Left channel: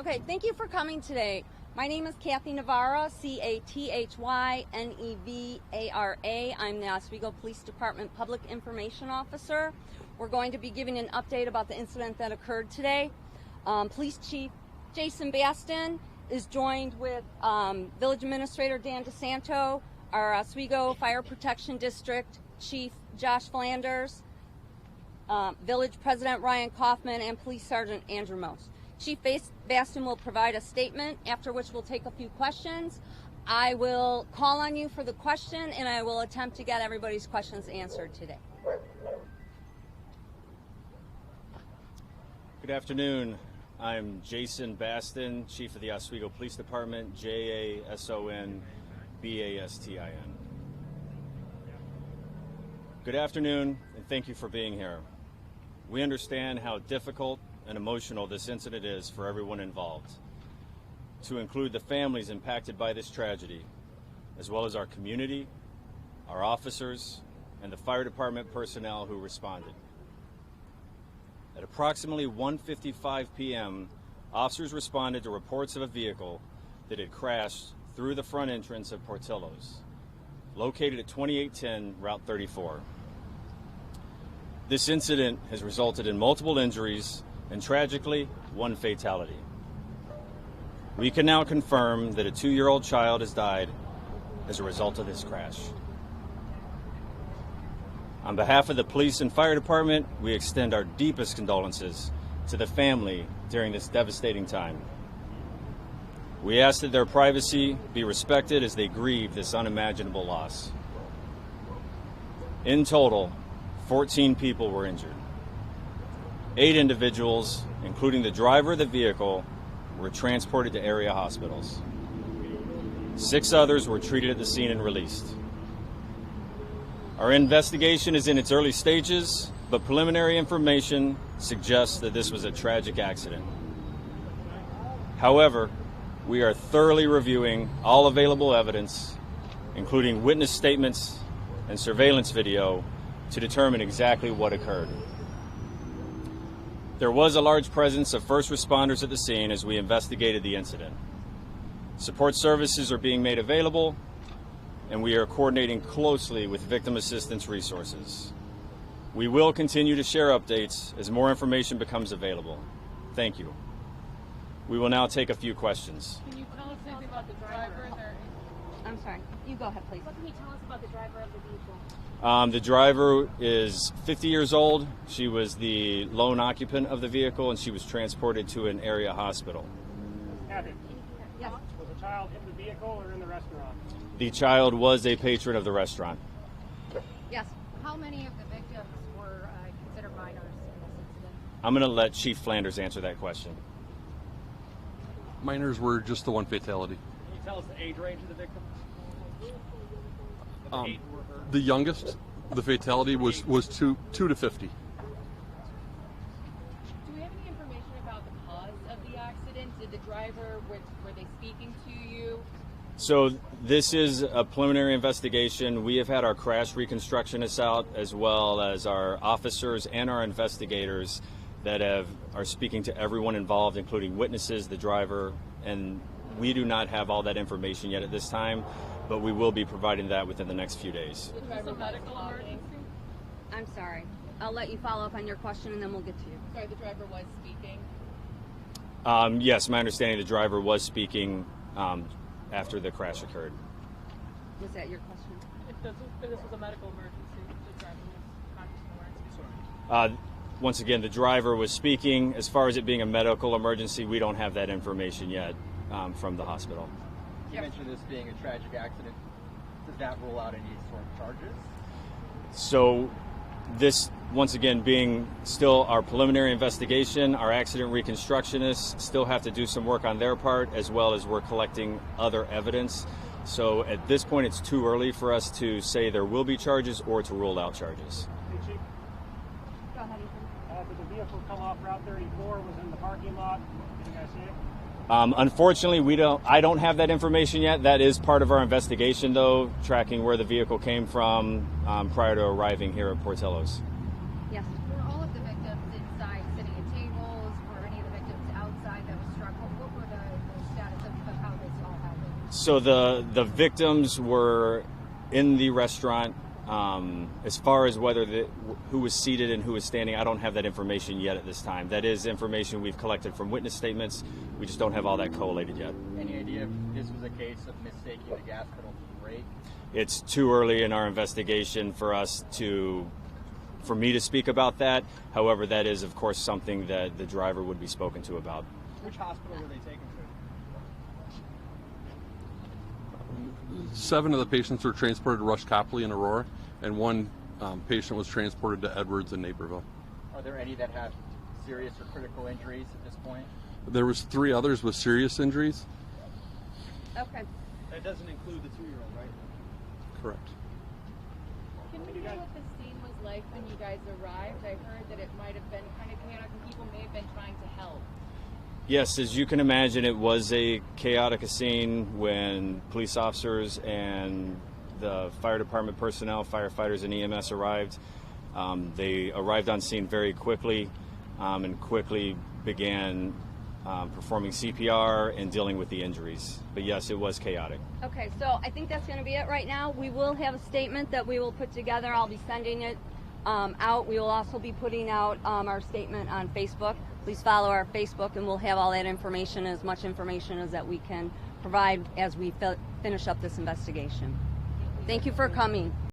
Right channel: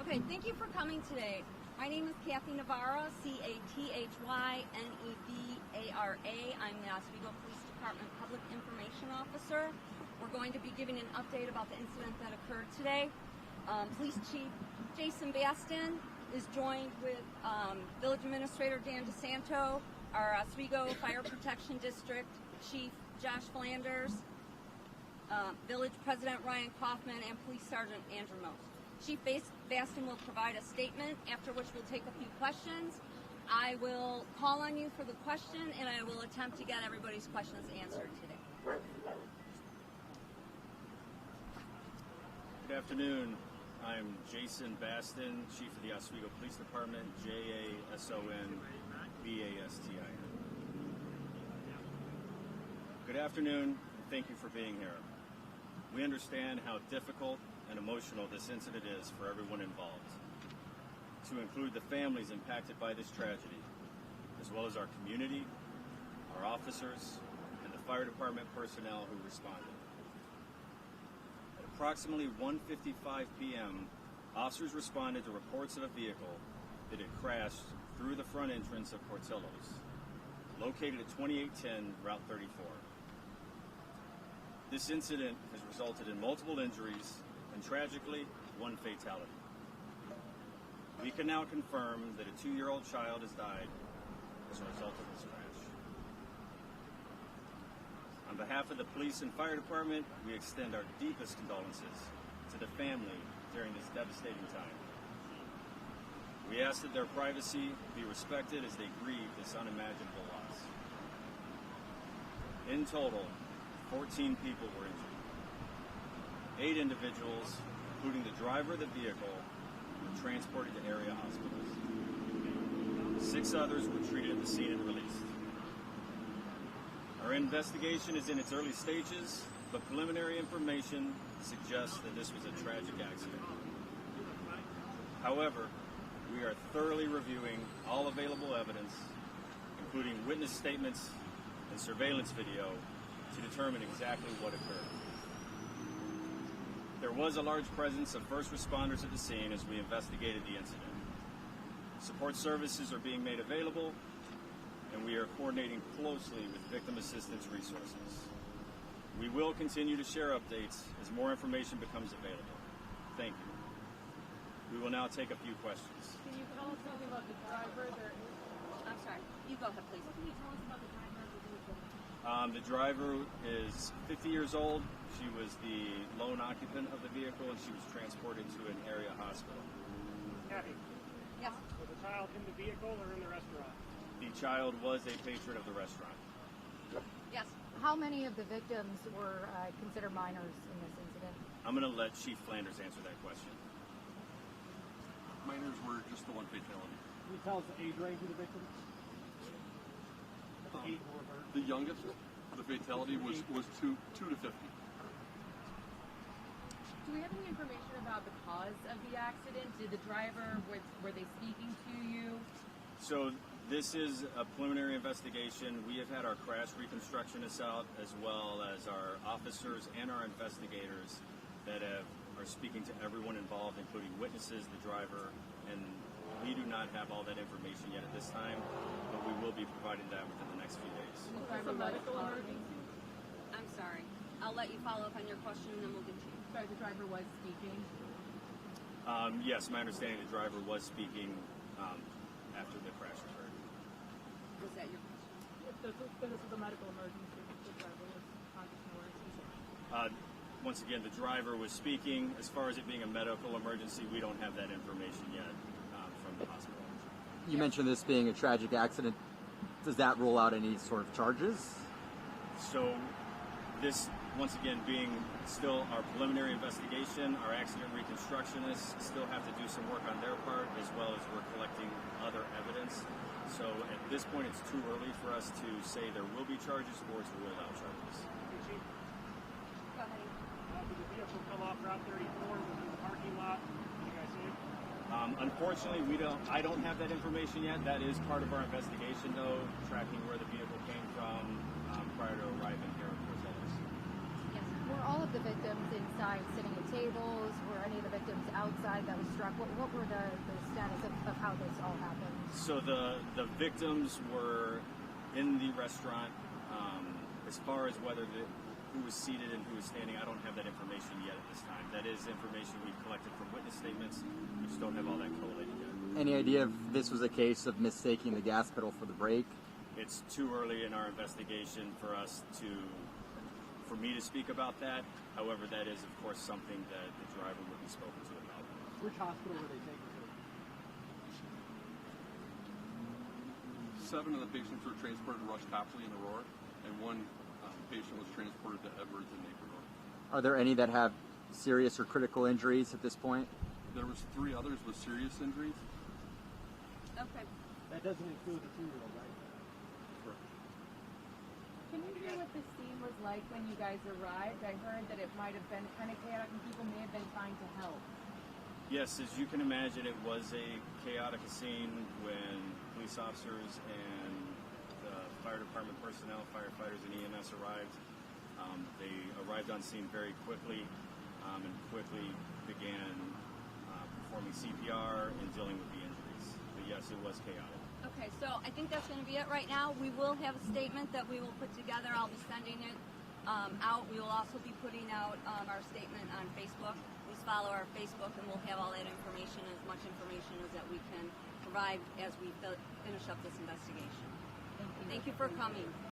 Okay, thank you for coming today. My name is Kathy Navarro, Cathynevara. I'm the Oswego Police Department Public Information Officer. We're going to be giving an update about the incident that occurred today. Police Chief Jason Baston is joined with Village Administrator Dan DeSanto, our Oswego Fire Protection District Chief Josh Flanders, Village President Ryan Kaufman, and Police Sergeant Andrew Most. Chief Baston will provide a statement, after which we'll take a few questions. I will call on you for the question, and I will attempt to get everybody's questions answered today. Good afternoon. I'm Jason Baston, Chief of the Oswego Police Department, JASON BASTIN. Good afternoon, and thank you for being here. We understand how difficult and emotional this incident is for everyone involved, to include the families impacted by this tragedy, as well as our community, our officers, and the fire department personnel who responded. At approximately 1:55 p.m., officers responded to reports of a vehicle that had crashed through the front entrance of Portillo's, located at 2810 Route 34. This incident has resulted in multiple injuries and, tragically, one fatality. We can now confirm that a 2-year-old child has died as a result of this crash. On behalf of the police and fire department, we extend our deepest condolences to the family during this devastating time. We ask that their privacy be respected as they grieve this unimaginable loss. In total, 14 people were injured. 8 individuals, including the driver of the vehicle, were transported to area hospitals. 6 others were treated at the scene and released. Our investigation is in its early stages, but preliminary information suggests that this was a tragic accident. However, we are thoroughly reviewing all available evidence, including witness statements and surveillance video, to determine exactly what occurred. There was a large presence of first responders at the scene as we investigated the incident. Support services are being made available, and we are coordinating closely with victim assistance resources. We will continue to share updates as more information becomes available. Thank you. We will now take a few questions. Can you tell us anything about the driver? I'm sorry. You go ahead, please. What can you tell us about the driver of the vehicle? The driver is 50 years old. She was the lone occupant of the vehicle, and she was transported to an area hospital. Kathy, Yes. was the child in the vehicle or in the restaurant? The child was a patron of the restaurant. Yes. How many of the victims were considered minors in this incident? I'm going to let Chief Flanders answer that question. Minors were just the one fatality. Can you tell us the age range of the victim? The youngest, the fatality was 2 to 50. Do we have any information about the cause of the accident? Did the driver, were they speaking to you? So this is a preliminary investigation. We have had our crash reconstructionists out, as well as our officers and our investigators that are speaking to everyone involved, including witnesses, the driver, and we do not have all that information yet at this time, but we will be providing that within the next few days. Was this a medical emergency? I'm sorry. I'll let you follow up on your question, and then we'll get to you. Sorry, the driver was speaking. Yes, my understanding the driver was speaking after the crash occurred. Was that your question? If this was a medical emergency, the driver was conscious and aware. Once again, the driver was speaking. As far as it being a medical emergency, we don't have that information yet from the hospital. You mentioned this being a tragic accident. Does that rule out any sort of charges? So this, once again, being still our preliminary investigation, our accident reconstructionists still have to do some work on their part, as well as we're collecting other evidence. So at this point, it's too early for us to say there will be charges or to rule out charges. Hey, Chief, Go ahead, Ethan. did the vehicle come off Route 34? Was it in the parking lot? Did you guys see it? Unfortunately, I don't have that information yet. That is part of our investigation, though, tracking where the vehicle came from prior to arriving here at Portillo's. Yes. Were all of the victims inside sitting at tables? Were any of the victims outside that was struck? What were So the victims were in the restaurant. As far as who was seated and who was standing, I don't have that information yet at this time. That is information we've collected from witness statements. We just don't have all that collated yet. Any idea if this was a case of mistaking the gas pedal for the brake? It's too early in our investigation for me to speak about that. However, that is, of course, something that the driver would be spoken to about. Which hospital were they taken to? 7 of the patients were transported to Rush Copley in Aurora, and 1 patient was transported to Edwards in Naperville. Are there any that have serious or critical injuries at this point? There was 3 others with serious injuries. Okay. That doesn't include the 2-year-old, right? Correct. Can we hear what the scene was like when you guys arrived? I heard that it might have been kind of chaotic and people may have been trying to help. Yes, as you can imagine, it was a chaotic scene when police officers and the fire department personnel, firefighters and EMS arrived. They arrived on scene very quickly and quickly began performing CPR and dealing with the injuries. But yes, it was chaotic. Okay, so I think that's going to be it right now. We will have a statement that we will put together. I'll be sending it out. We will also be putting out our statement on Facebook. Please follow our Facebook, and we'll have all that information, as much information as that we can provide as we finish up this investigation. Thank you for coming.